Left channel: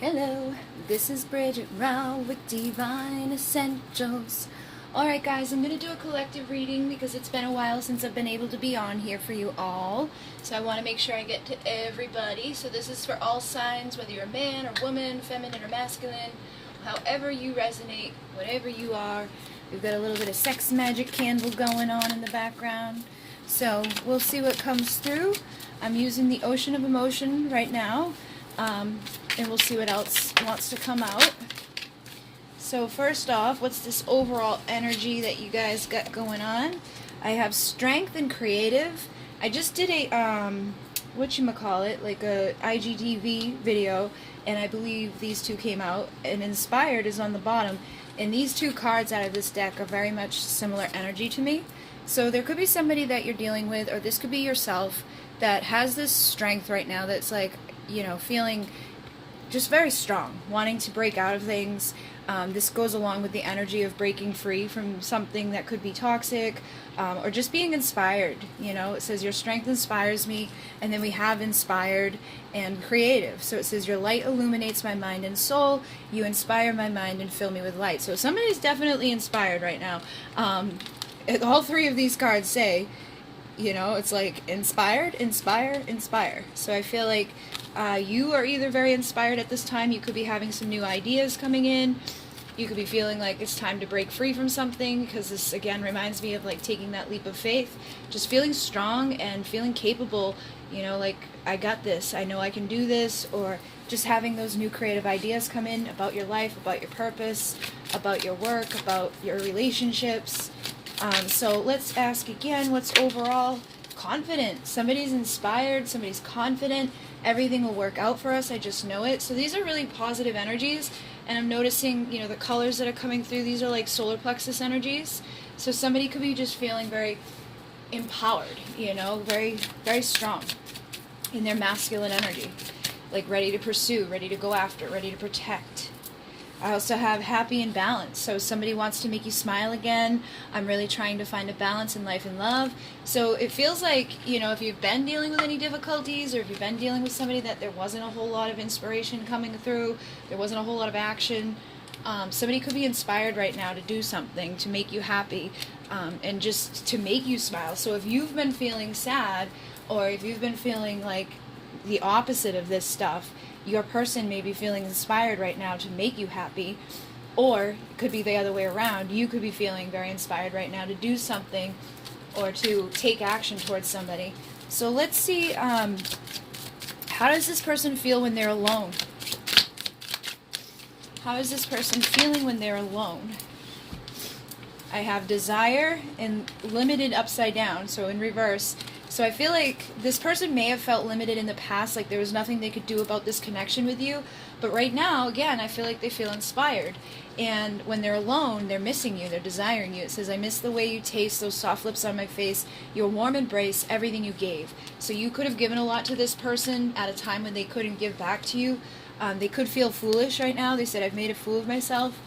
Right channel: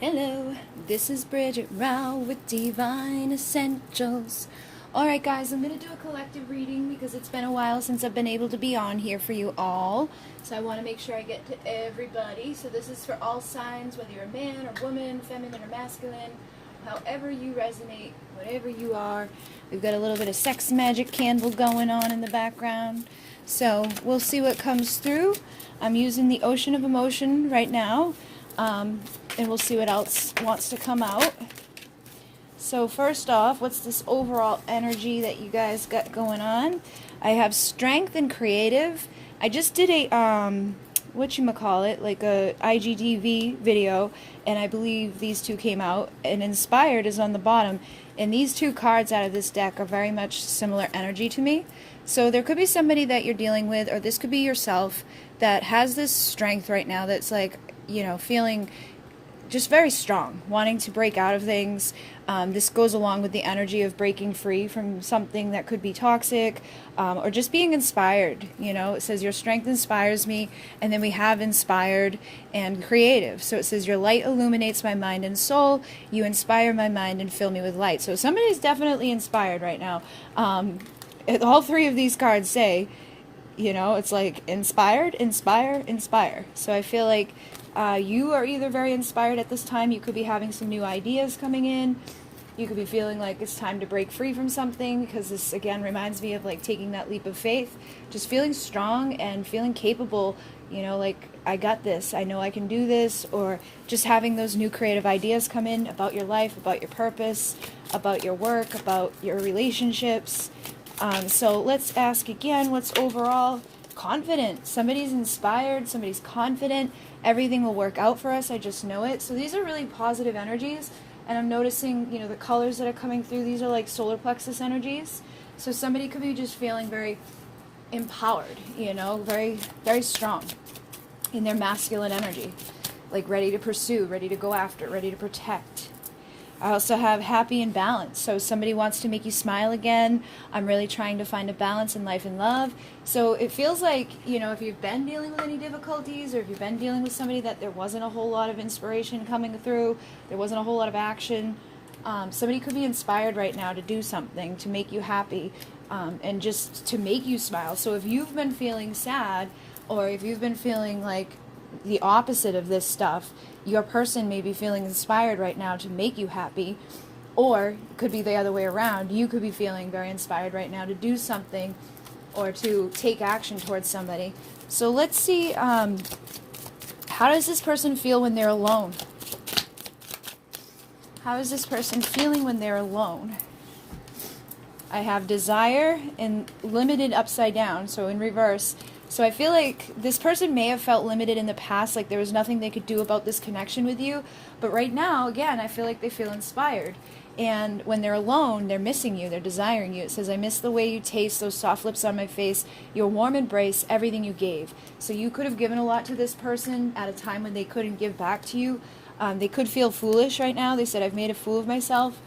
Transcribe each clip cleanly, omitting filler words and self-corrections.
Hello, this is Bridget Rau with Divine Essentials. Alright guys, I'm going to do a collective reading because it's been a while since I've been able to be on here for you all. So I want to make sure I get to everybody. So this is for all signs, whether you're a man or woman, feminine or masculine, however you resonate, whatever you are. We've got a little bit of sex magic candle going on in the background. So we'll see what comes through. I'm using the Ocean of Emotion right now. And we'll see what else wants to come out. So first off, what's this overall energy that you guys got going on? I have strength and creative. I just did a, whatchamacallit, like a IGTV video, and I believe these two came out, and inspired is on the bottom. And these two cards out of this deck are very much similar energy to me. So there could be somebody that you're dealing with, or this could be yourself, that has this strength right now that's like, you know, feeling just very strong, wanting to break out of things. This goes along with the energy of breaking free from something that could be toxic, or just being inspired. You know, it says your strength inspires me, and then we have inspired and creative. So it says your light illuminates my mind and soul, you inspire my mind and fill me with light. So somebody's definitely inspired right now. All three of these cards say, you know, it's like inspired, inspire, inspire. So I feel like you are either very inspired at this time. You could be having some new ideas coming in. You could be feeling like it's time to break free from something, because this again reminds me of like taking that leap of faith, just feeling strong and feeling capable, you know, like I got this, I know I can do this, or just having those new creative ideas come in about your life, about your purpose, about your work, about your relationships. So let's ask again, what's overall confident? Somebody's inspired, somebody's confident, everything will work out for us, I just know it. So these are really positive energies, and I'm noticing, you know, the colors that are coming through, these are like solar plexus energies. So somebody could be just feeling very empowered, you know, very, very strong in their masculine energy, like ready to pursue, ready to go after, ready to protect. I also have happy and balanced. So somebody wants to make you smile again. I'm really trying to find a balance in life and love. So it feels like, you know, if you've been dealing with any difficulties, or if you've been dealing with somebody that there wasn't a whole lot of inspiration coming through, there wasn't a whole lot of action, somebody could be inspired right now to do something to make you happy, and just to make you smile. So if you've been feeling sad, or if you've been feeling like the opposite of this stuff, your person may be feeling inspired right now to make you happy, or it could be the other way around. You could be feeling very inspired right now to do something or to take action towards somebody. So let's see, how does this person feel when they're alone? How is this person feeling when they're alone? I have desire and limited upside down, so in reverse. So I feel like this person may have felt limited in the past, like there was nothing they could do about this connection with you. But right now, again, I feel like they feel inspired. And when they're alone, they're missing you, they're desiring you. It says, I miss the way you taste, those soft lips on my face, your warm embrace, everything you gave. So you could have given a lot to this person at a time when they couldn't give back to you. They could feel foolish right now. They said, I've made a fool of myself.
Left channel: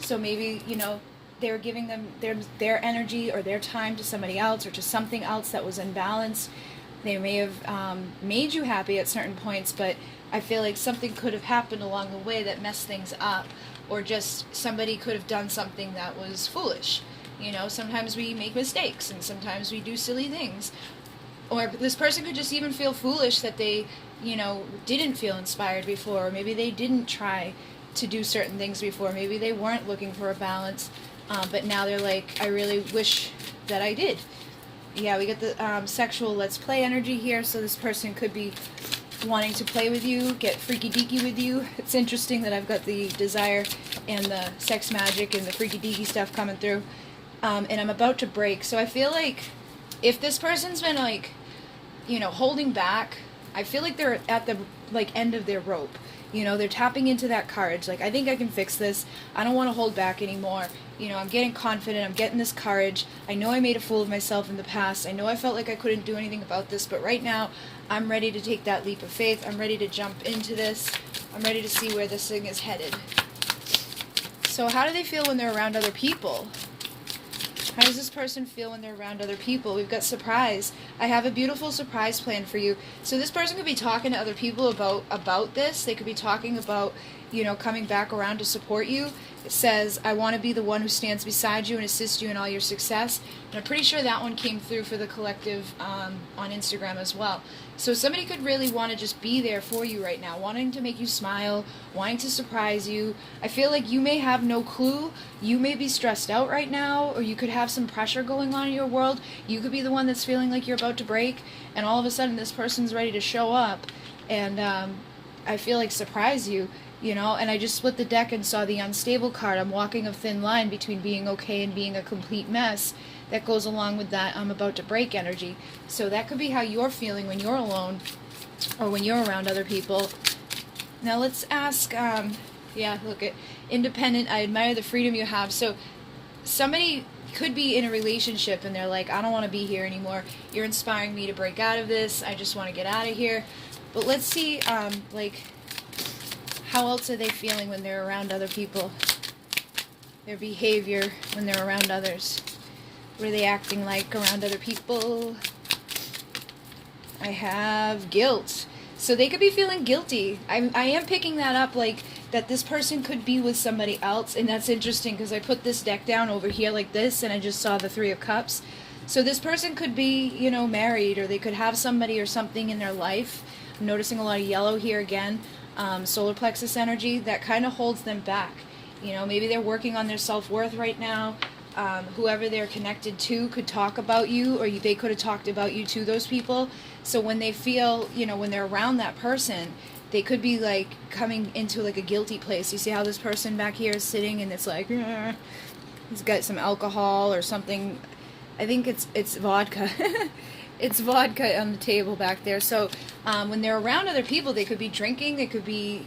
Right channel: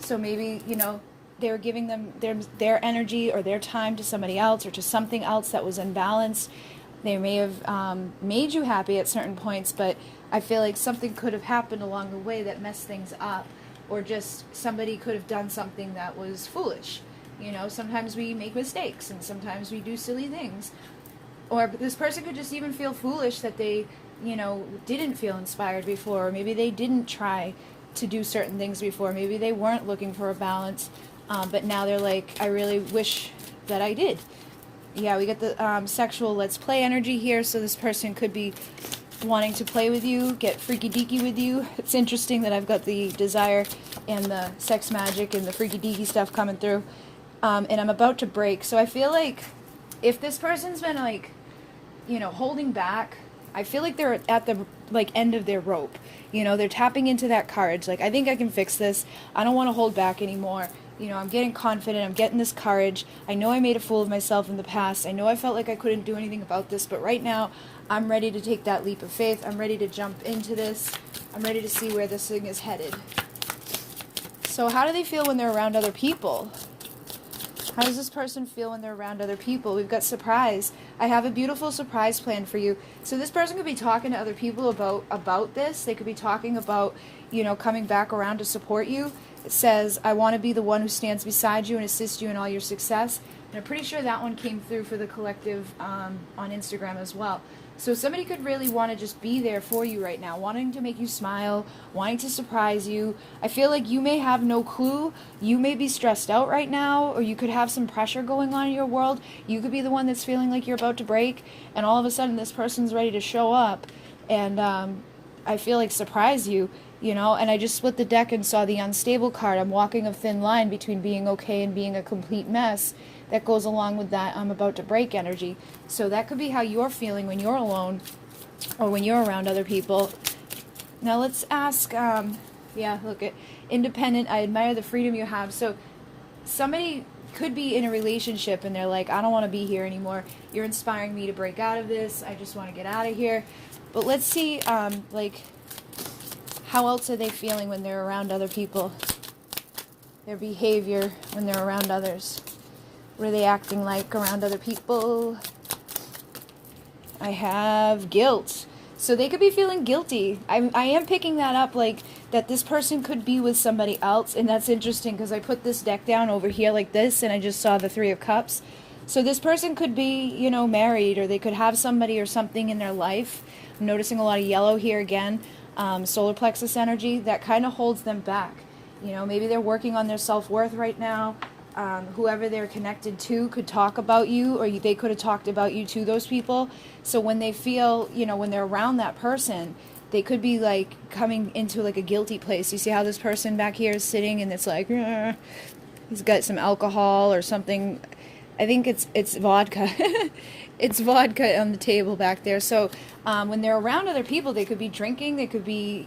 So maybe, you know, they were giving them their energy or their time to somebody else, or to something else that was imbalanced. They may have made you happy at certain points, but I feel like something could have happened along the way that messed things up, or just somebody could have done something that was foolish. You know, sometimes we make mistakes, and sometimes we do silly things. Or this person could just even feel foolish that they, you know, didn't feel inspired before, or maybe they didn't try to do certain things before. Maybe they weren't looking for a balance. But now they're like, I really wish that I did. Yeah, we get the sexual let's play energy here, so this person could be wanting to play with you, get freaky deaky with you. It's interesting that I've got the desire and the sex magic and the freaky deaky stuff coming through. And I'm about to break. So I feel like if this person's been like, you know, holding back, I feel like they're at the like end of their rope. You know, they're tapping into that courage. Like, I think I can fix this. I don't want to hold back anymore. You know, I'm getting confident. I'm getting this courage. I know I made a fool of myself in the past. I know I felt like I couldn't do anything about this. But right now, I'm ready to take that leap of faith. I'm ready to jump into this. I'm ready to see where this thing is headed. So how do they feel when they're around other people? How does this person feel when they're around other people? We've got surprise. I have a beautiful surprise planned for you. So this person could be talking to other people about this. They could be talking about, coming back around to support you. It says, I want to be the one who stands beside you and assists you in all your success. And I'm pretty sure that one came through for the collective on Instagram as well. So somebody could really want to just be there for you right now, wanting to make you smile, wanting to surprise you. I feel like you may have no clue. You may be stressed out right now, or you could have some pressure going on in your world. You could be the one that's feeling like you're about to break, and all of a sudden this person's ready to show up and I feel like surprise you, and I just split the deck and saw the unstable card. I'm walking a thin line between being okay and being a complete mess. That goes along with that I'm about to break energy. So that could be how you're feeling when you're alone or when you're around other people. Now let's ask, look at independent. I admire the freedom you have. So somebody could be in a relationship and they're like, I don't want to be here anymore. You're inspiring me to break out of this. I just want to get out of here. But let's see, how else are they feeling when they're around other people? Their behavior when they're around others. What are they acting like around other people? I have guilt. So they could be feeling guilty. I am picking that up, like that this person could be with somebody else. And that's interesting because I put this deck down over here like this and I just saw the Three of Cups. So this person could be, married, or they could have somebody or something in their life. I'm noticing a lot of yellow here again. Solar plexus energy that kind of holds them back. Maybe they're working on their self-worth right now. Whoever they're connected to could talk about you, or they could have talked about you to those people. So when they feel, when they're around that person, they could be like coming into like a guilty place. You see how this person back here is sitting and it's like, he's got some alcohol or something. I think it's vodka. It's vodka on the table back there. So when they're around other people, they could be drinking. They could be,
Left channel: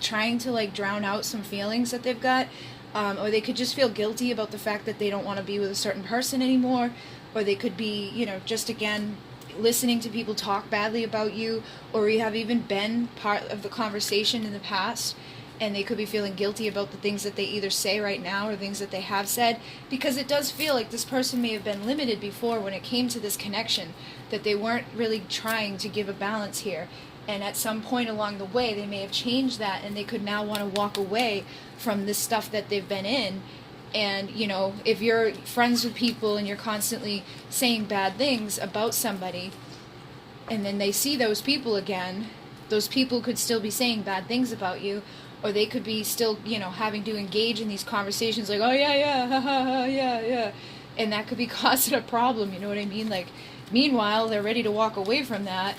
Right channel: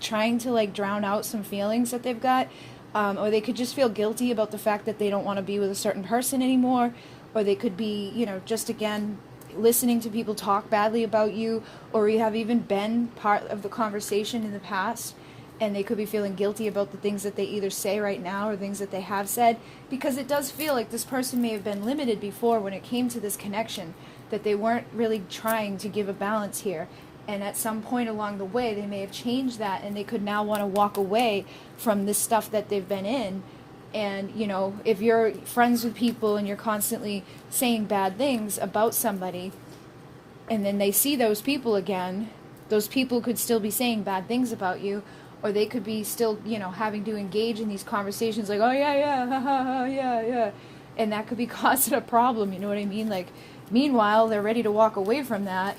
trying to like drown out some feelings that they've got. Or they could just feel guilty about the fact that they don't want to be with a certain person anymore. Or they could be, just again, listening to people talk badly about you. Or you have even been part of the conversation in the past. And they could be feeling guilty about the things that they either say right now or things that they have said. Because it does feel like this person may have been limited before when it came to this connection. That they weren't really trying to give a balance here. And at some point along the way, they may have changed that, and they could now want to walk away from this stuff that they've been in. And, if you're friends with people and you're constantly saying bad things about somebody, and then they see those people again, those people could still be saying bad things about you, or they could be still, having to engage in these conversations like, oh, yeah, ha, ha, ha, yeah. And that could be causing a problem, you know what I mean? Like, meanwhile, they're ready to walk away from that,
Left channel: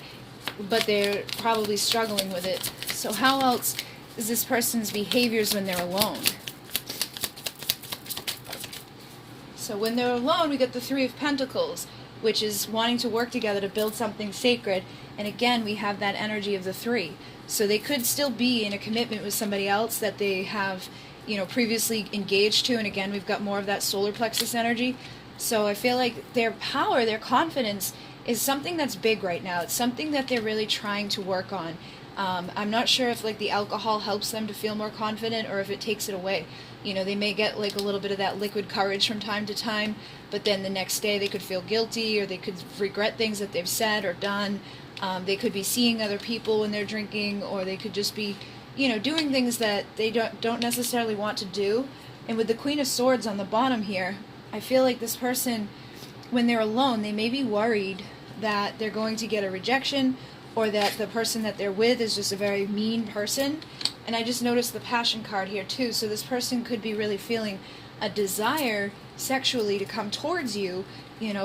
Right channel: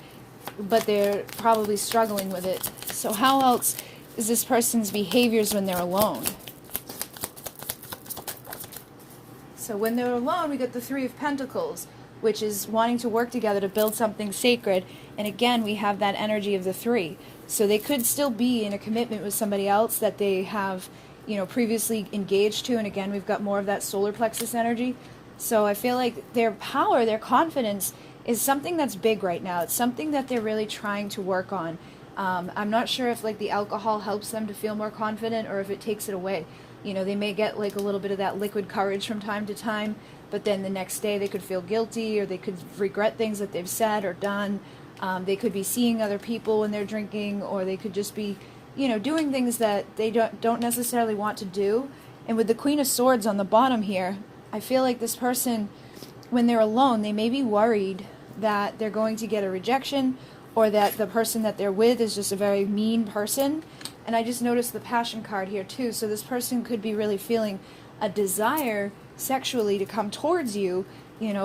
but they're probably struggling with it. So how else is this person's behaviors when they're alone? So when they're alone, we get the Three of Pentacles, which is wanting to work together to build something sacred. And again, we have that energy of the three. So they could still be in a commitment with somebody else that they have, previously engaged to. And again, we've got more of that solar plexus energy. So I feel like their power, their confidence is something that's big right now. It's something that they're really trying to work on. I'm not sure if like the alcohol helps them to feel more confident or if it takes it away. They may get like a little bit of that liquid courage from time to time, but then the next day they could feel guilty or they could regret things that they've said or done. They could be seeing other people when they're drinking, or they could just be, doing things that they don't necessarily want to do. And with the Queen of Swords on the bottom here, I feel like this person, when they're alone, they may be worried that they're going to get a rejection or that the person that they're with is just a very mean person. And I just noticed the Passion card here too. So this person could be really feeling a desire sexually to come towards you,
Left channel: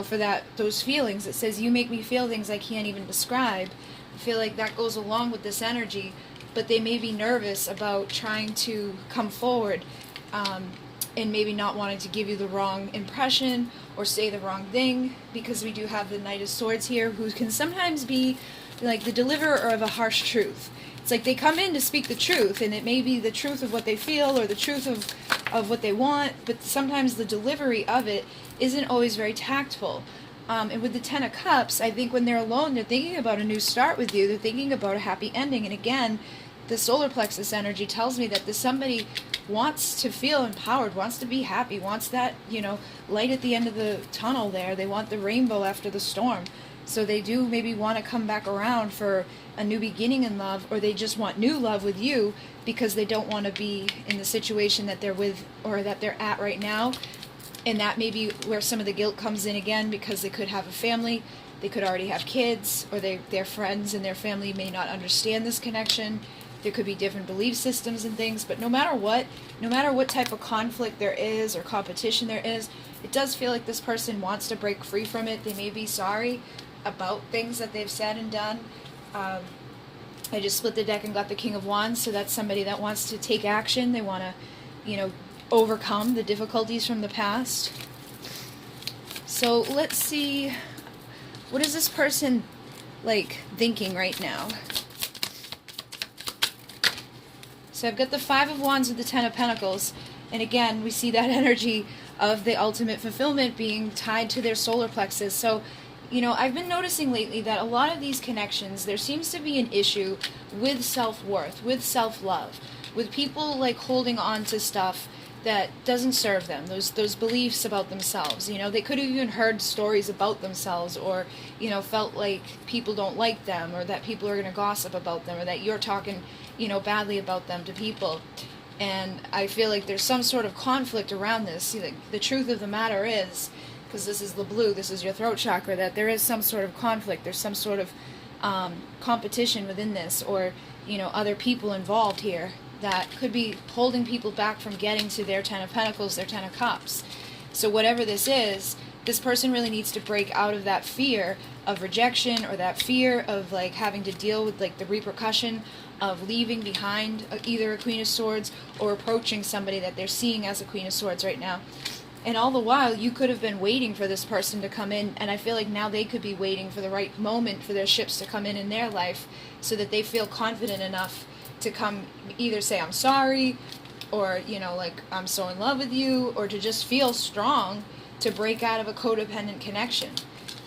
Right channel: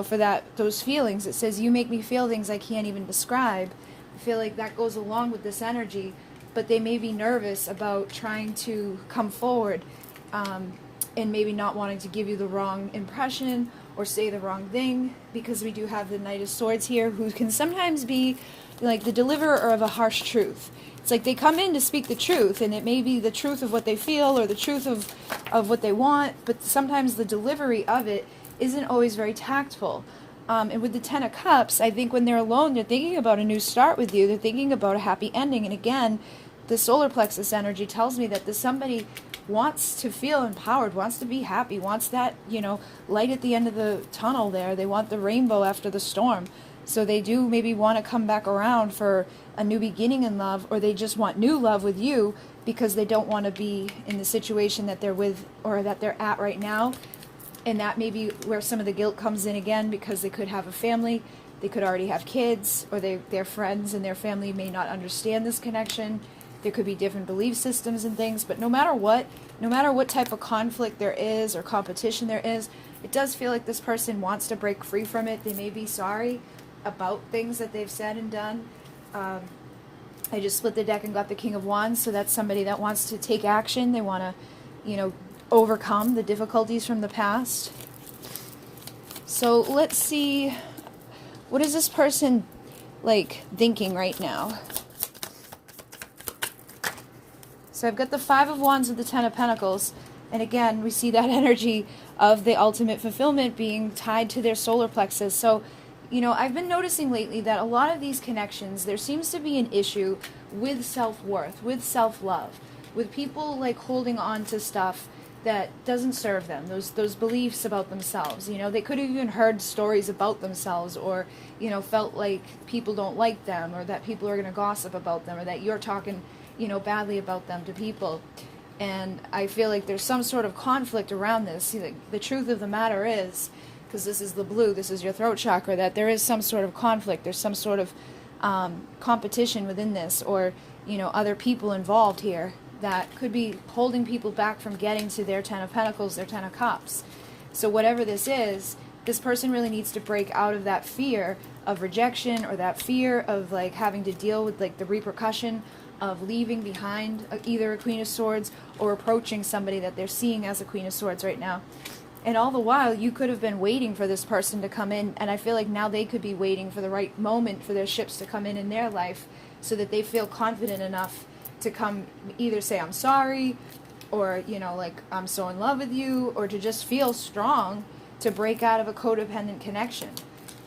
for those feelings. It says, you make me feel things I can't even describe. I feel like that goes along with this energy, but they may be nervous about trying to come forward and maybe not wanting to give you the wrong impression or say the wrong thing, because we do have the Knight of Swords here, who can sometimes be like the deliverer of a harsh truth. It's like they come in to speak the truth, and it may be the truth of what they feel or the truth of what they want, but sometimes the delivery of it isn't always very tactful. And with the Ten of Cups, I think when they're alone, they're thinking about a new start with you. They're thinking about a happy ending. And again, the solar plexus energy tells me that somebody wants to feel empowered, wants to be happy, wants that, light at the end of the tunnel there. They want the rainbow after the storm. So they do maybe want to come back around for a new beginning in love, or they just want new love with you because they don't want to be in the situation that they're with or that they're at right now. And that may be where some of the guilt comes in again, because they could have a family, they could already have kids, or their friends and their family may not understand this connection. There could be different belief systems and things, but no matter what type of conflict there is or competition there is, it does feel like this person wants to break free from it. They may be sorry about things that they've said and done. I just split the deck and got the King of Wands, so that's somebody that wants to take action. They want to, overcome the difficulties from the past. So let's see, what is this person thinking right now? So I've got the Five of Wands with the Ten of Pentacles, and again we see that energy of the ultimate fulfillment being tied to their solar plexus. So I've been noticing lately that a lot of these connections, there seems to be an issue with self-worth, with self-love, with people holding on to stuff that doesn't serve them, those beliefs about themselves. They could have even heard stories about themselves, or felt like people don't like them, or that people are going to gossip about them, or that you're talking badly about them to people. And I feel like there's some sort of conflict around this. The truth of the matter is, because this is the blue, this is your throat chakra, that there is some sort of conflict, there's some sort of competition within this, or other people involved here that could be holding people back from getting to their Ten of Pentacles, their Ten of Cups. So whatever this is, this person really needs to break out of that fear of rejection, or that fear of having to deal with the repercussion of leaving behind either a Queen of Swords or approaching somebody that they're seeing as a Queen of Swords right now. And all the while, you could have been waiting for this person to come in, and I feel like now they could be waiting for the right moment for their ships to come in their life, so that they feel confident enough to come either say, I'm sorry, or, I'm so in love with you, or to just feel strong to break out of a codependent connection.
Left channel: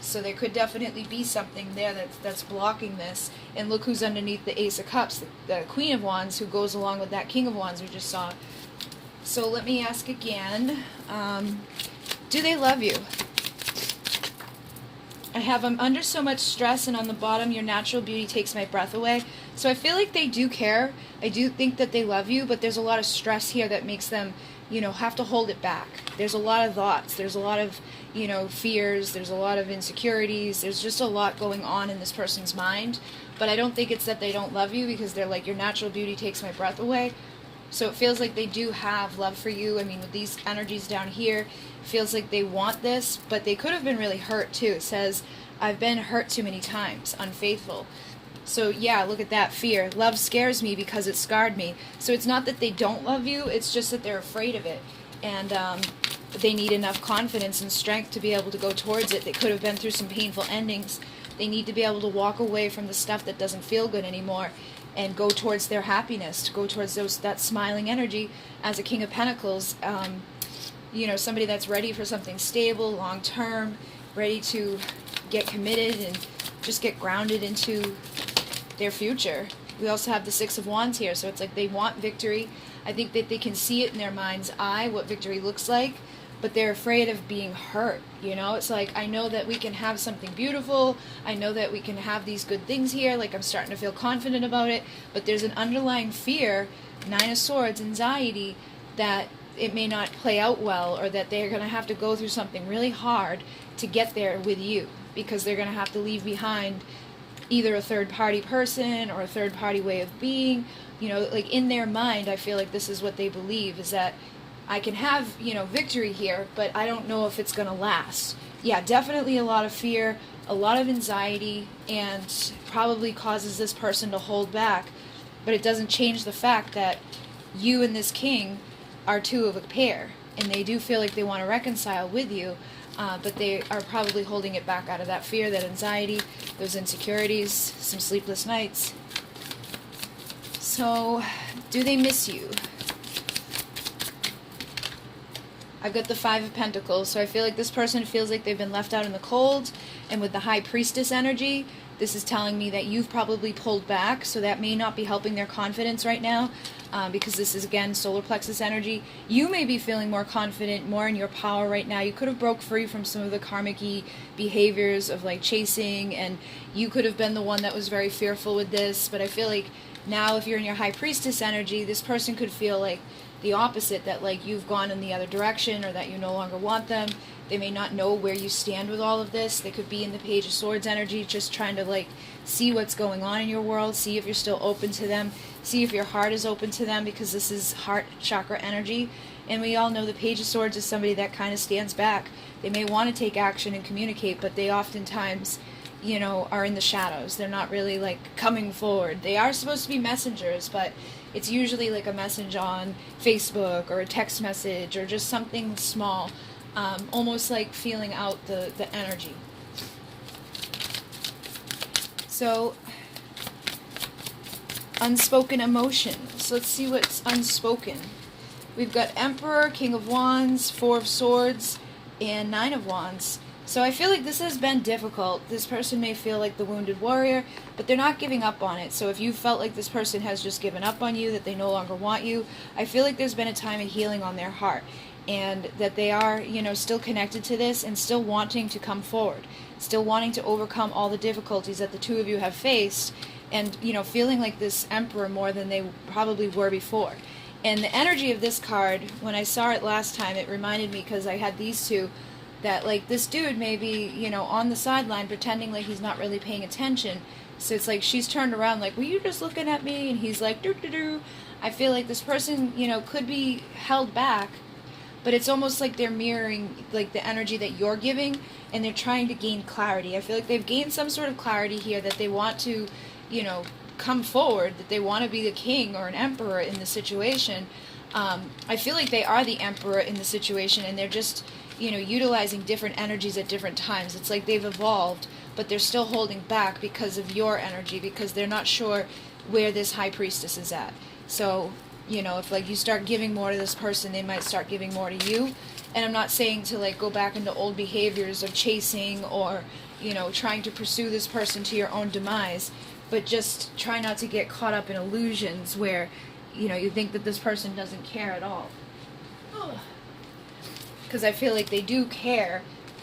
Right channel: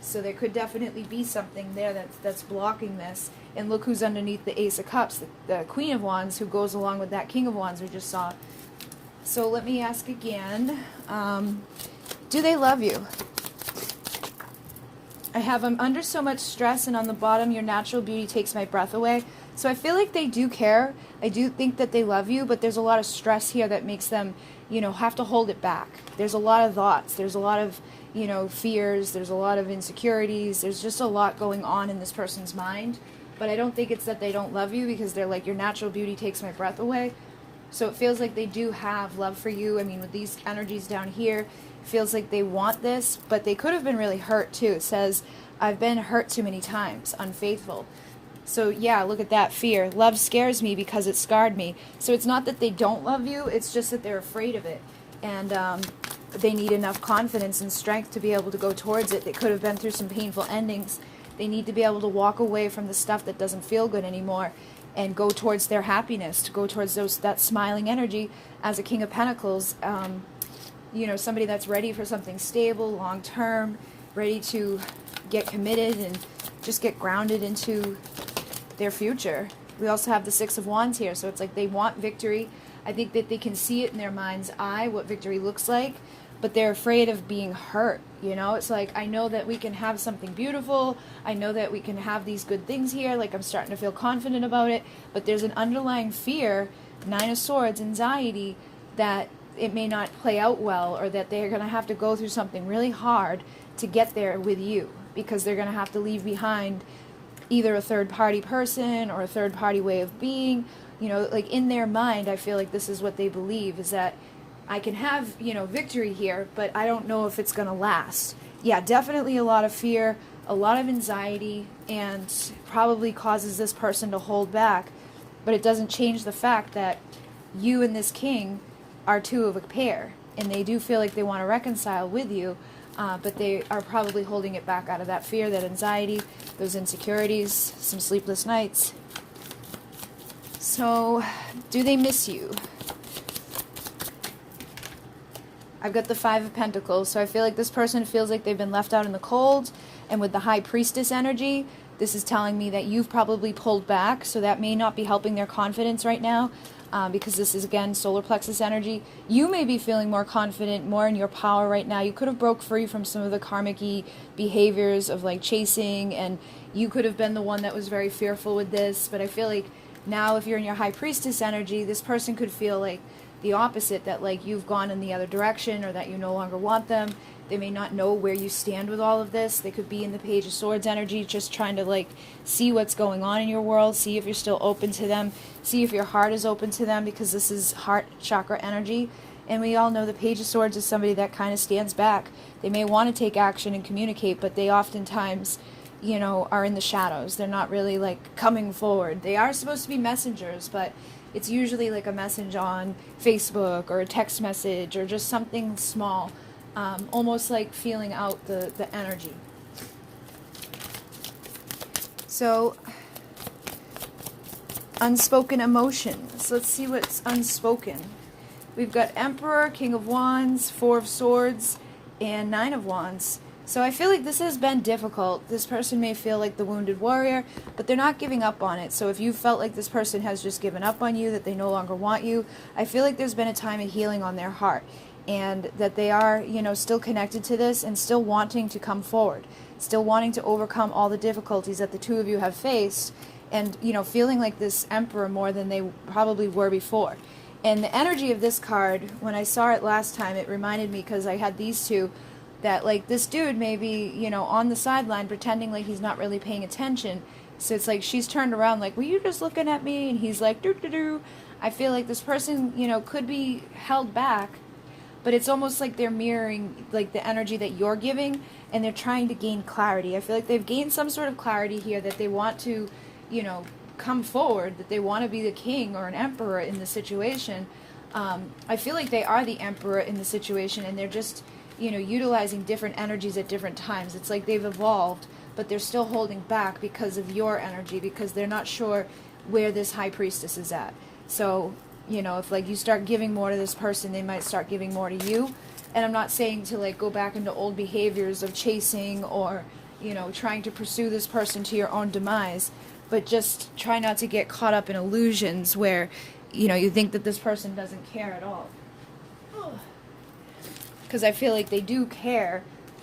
So there could definitely be something there that's blocking this. And look who's underneath the Ace of Cups, the Queen of Wands, who goes along with that King of Wands we just saw. So let me ask again, do they love you? I have them under so much stress, and on the bottom, your natural beauty takes my breath away. So I feel like they do care. I do think that they love you, but there's a lot of stress here that makes them, have to hold it back. There's a lot of thoughts. There's a lot of, fears. There's a lot of insecurities. There's just a lot going on in this person's mind. But I don't think it's that they don't love you, because they're your natural beauty takes my breath away. So it feels like they do have love for you. I mean, with these energies down here, it feels like they want this, but they could have been really hurt too. It says, I've been hurt too many times, unfaithful. So yeah, look at that fear. Love scares me because it scarred me. So it's not that they don't love you, it's just that they're afraid of it. And they need enough confidence and strength to be able to go towards it. They could have been through some painful endings. They need to be able to walk away from the stuff that doesn't feel good anymore and go towards their happiness, to go towards that smiling energy as a King of Pentacles. Somebody that's ready for something stable, long-term, ready to get committed and just get grounded into their future. We also have the Six of Wands here, so it's like they want victory. I think that they can see it in their mind's eye, what victory looks like, but they're afraid of being hurt. It's like, I know that we can have something beautiful. I know that we can have these good things here. I'm starting to feel confident about it, but there's an underlying fear, Nine of Swords, anxiety, that it may not play out well, or that they're going to have to go through something really hard to get there with you, because they're going to have to leave behind either a third-party person or a third-party way of being. In their mind, I feel like this is what they believe, is that I can have, victory here, but I don't know if it's going to last. Yeah, definitely a lot of fear, a lot of anxiety, and probably causes this person to hold back. But it doesn't change the fact that you and this king are two of a pair, and they do feel like they want to reconcile with you, but they are probably holding it back out of that fear, that anxiety, those insecurities, some sleepless nights. So, do they miss you? I've got the Five of Pentacles, so I feel like this person feels like they've been left out in the cold, and with the High Priestess energy, This is telling me that you've probably pulled back, so that may not be helping their confidence right now, because this is, again, solar plexus energy. You may be feeling more confident, more in your power right now. You could have broke free from some of the karmic-y behaviors of, like, chasing, and you could have been the one that was very fearful with this, but I feel like now if you're in your high priestess energy, this person could feel like the opposite, that like you've gone in the other direction, or that you no longer want them. They may not know where you stand with all of this. They could be in the Page of Swords energy, just trying to like see what's going on in your world, see if you're still open to them, see if your heart is open to them, because this is heart chakra energy. And we all know the Page of Swords is somebody that kind of stands back. They may want to take action and communicate, but they oftentimes, you know, are in the shadows. They're not really like coming forward. They are supposed to be messengers, but it's usually like a message on Facebook or a text message or just something small, almost like feeling out the energy. So, unspoken emotions. Let's see what's unspoken. We've got Emperor, King of Wands, Four of Swords, and Nine of Wands. So I feel like this has been difficult. This person may feel like the wounded warrior, but they're not giving up on it. So if you felt like this person has just given up on you, that they no longer want you, I feel like there's been a time of healing on their heart, and that they are, you know, still connected to this and still wanting to come forward, still wanting to overcome all the difficulties that the two of you have faced, and, you know, feeling like this Emperor more than they probably were before. And the energy of this card, when I saw it last time, it reminded me, because I had these two, that like this dude may be, you know, on the sideline pretending like he's not really paying attention. So it's like she's turned around like, were you just looking at me? And he's like, doo doo doo. I feel like this person, you know, could be held back, but it's almost like they're mirroring like the energy that you're giving, and they're trying to gain clarity. I feel like they've gained some sort of clarity here, that they want to, you know, come forward, that they want to be the king or an emperor in the situation. I feel like they are the emperor in the situation, and they're just, you know, utilizing different energies at different times. It's like they've evolved, but they're still holding back because of your energy, because they're not sure where this high priestess is at. So, you know, if like you start giving more to this person, they might start giving more to you. And I'm not saying to like go back into old behaviors of chasing or, you know, trying to pursue this person to your own demise, but just try not to get caught up in illusions where, you know, you think that this person doesn't care at all. Because I feel like they do care,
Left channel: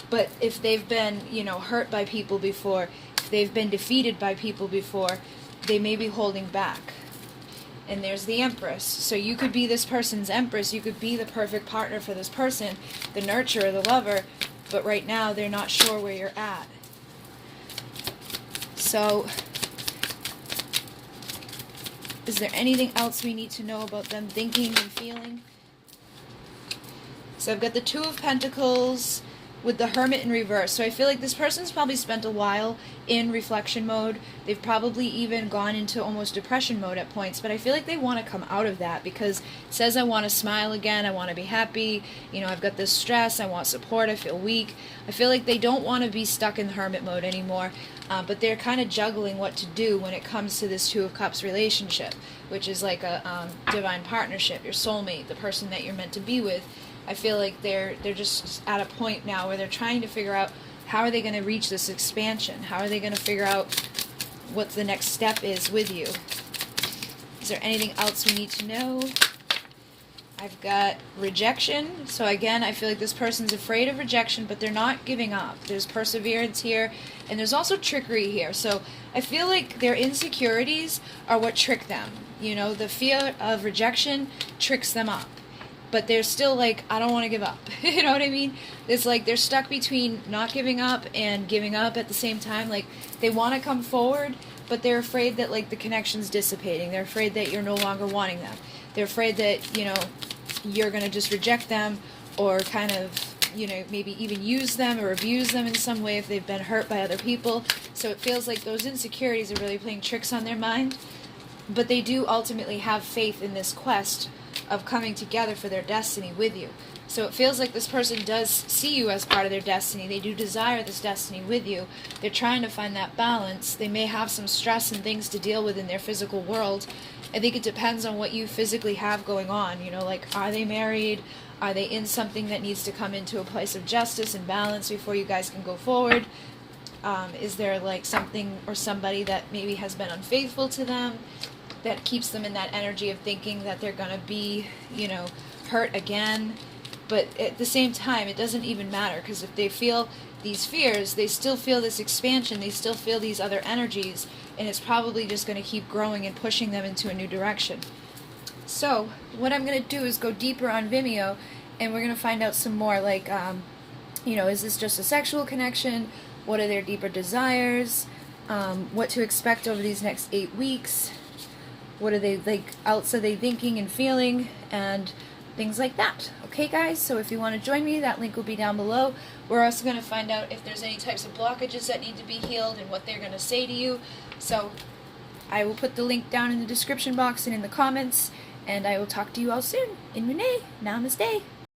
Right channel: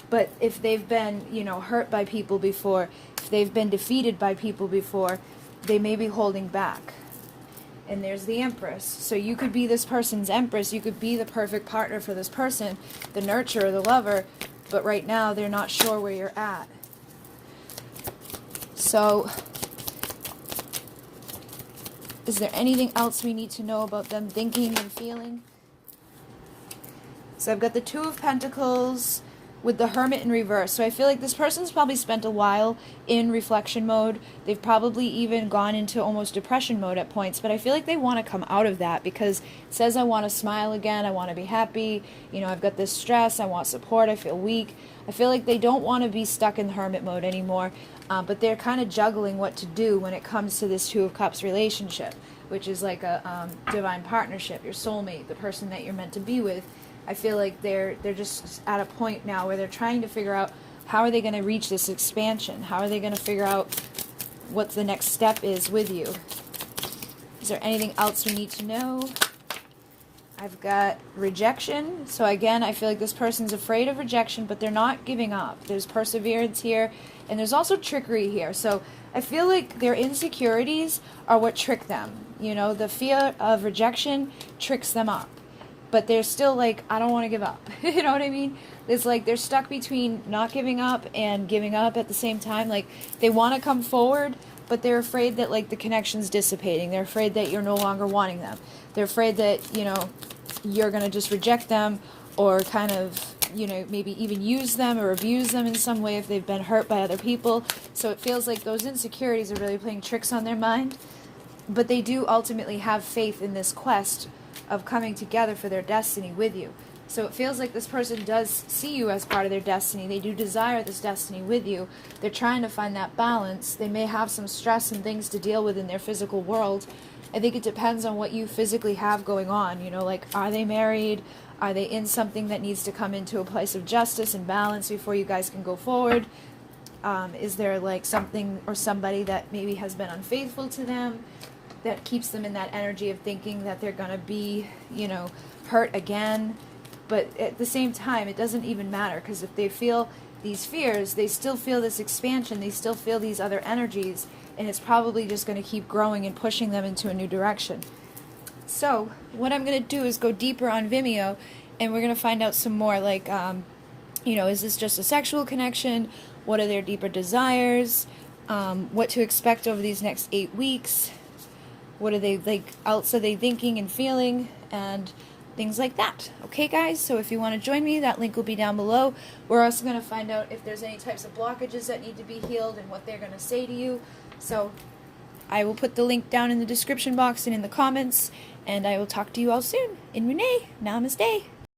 but if they've been, you know, hurt by people before, if they've been defeated by people before, they may be holding back. And there's the Empress. So you could be this person's Empress, you could be the perfect partner for this person, the nurturer, the lover, but right now they're not sure where you're at. So, is there anything else we need to know about them thinking and feeling? So I've got the Two of Pentacles with the Hermit in reverse. So I feel like this person's probably spent a while in reflection mode. They've probably even gone into almost depression mode at points, but I feel like they want to come out of that, because it says I want to smile again, I want to be happy, you know, I've got this stress, I want support, I feel weak. I feel like they don't want to be stuck in the hermit mode anymore, but they're kind of juggling what to do when it comes to this Two of Cups relationship, which is like a divine partnership, your soulmate, the person that you're meant to be with. I feel like they're just at a point now where they're trying to figure out how are they going to reach this expansion? How are they going to figure out what the next step is with you? Is there anything else we need to know? I've got rejection. So again, I feel like this person's afraid of rejection, but they're not giving up. There's perseverance here, and there's also trickery here. So I feel like their insecurities are what trick them. You know, the fear of rejection tricks them up. But they're still like, I don't want to give up. You know what I mean? It's like they're stuck between not giving up and giving up at the same time. Like, they want to come forward, but they're afraid that, like, the connection's dissipating. They're afraid that you're no longer wanting them. They're afraid that, you know, you're going to just reject them, or kind of, you know, maybe even use them or abuse them in some way if they've been hurt by other people. So it feels like those insecurities are really playing tricks on their mind. But they do ultimately have faith in this quest of coming together for their destiny with you. So it feels like this person does see you as part of their destiny. They do desire this destiny with you. They're trying to find that balance. They may have some stress and things to deal with in their physical world. I think it depends on what you physically have going on. You know, like, are they married? Are they in something that needs to come into a place of justice and balance before you guys can go forward? Is there like something or somebody that maybe has been unfaithful to them that keeps them in that energy of thinking that they're going to be, you know, hurt again? But at the same time, it doesn't even matter, because if they feel these fears, they still feel this expansion, they still feel these other energies, and it's probably just going to keep growing and pushing them into a new direction. So what I'm going to do is go deeper on Vimeo, and we're going to find out some more, like, you know, is this just a sexual connection? What are their deeper desires? What to expect over these next 8 weeks? What are they, like, else are they thinking and feeling? And things like that. Okay, guys? So if you want to join me, that link will be down below. We're also going to find out if there's any types of blockages that need to be healed and what they're going to say to you. So I will put the link down in the description box and in the comments, and I will talk to you all soon. In Renee, namaste.